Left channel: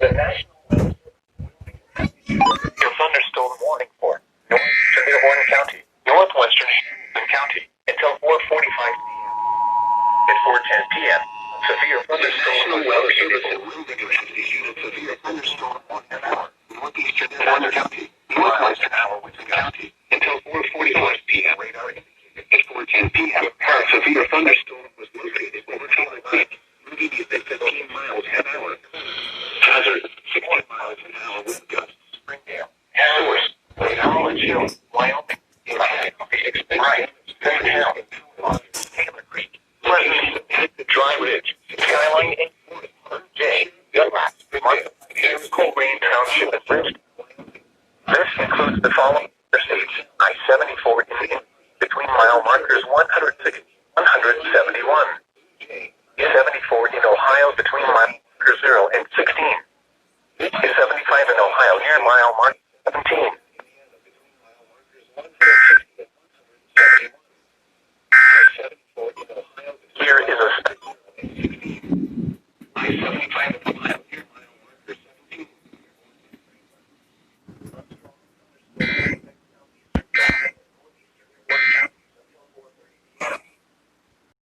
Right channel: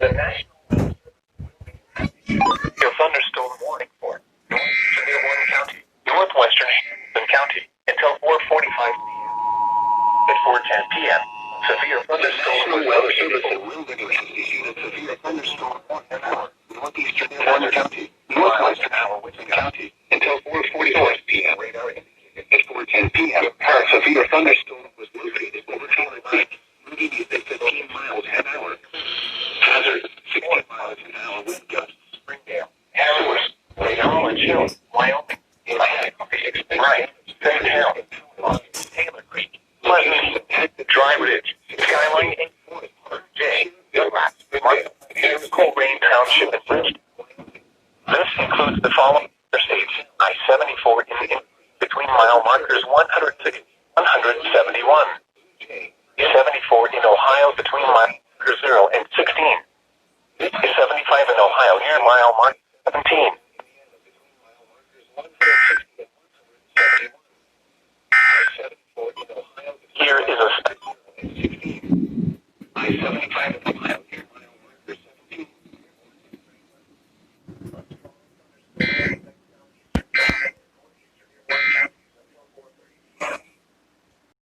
The National Severe Thunderstorm Warning for Severe Warning County, northwestern Hamilton County, until 4:45 p.m. At 4:10 p.m., severe thunderstorm weather service in Wilmington has issued a severe thunderstorm warning for northeastern Hamilton County, northwestern Hamilton County, until 4:45 p.m. At 4:10 p.m., a severe thunderstorm was located over Taylor Creek, moving at 15 miles an hour. Hazard, 60 miles an hour wind gusts. Springdale, Source, College Hill, Wyoming, Right, Fairtown, Taylor Creek, Pleasant, Dry Ridge, Skyline, J, Dunlap, Martha, Colerain Township, and Bridgeton. This includes the following states: I-74 in between mile markers 160, 171. 74 in Ohio between mile marker 0 and 16. 75 in Ohio near mile marker 17. Here is a I-75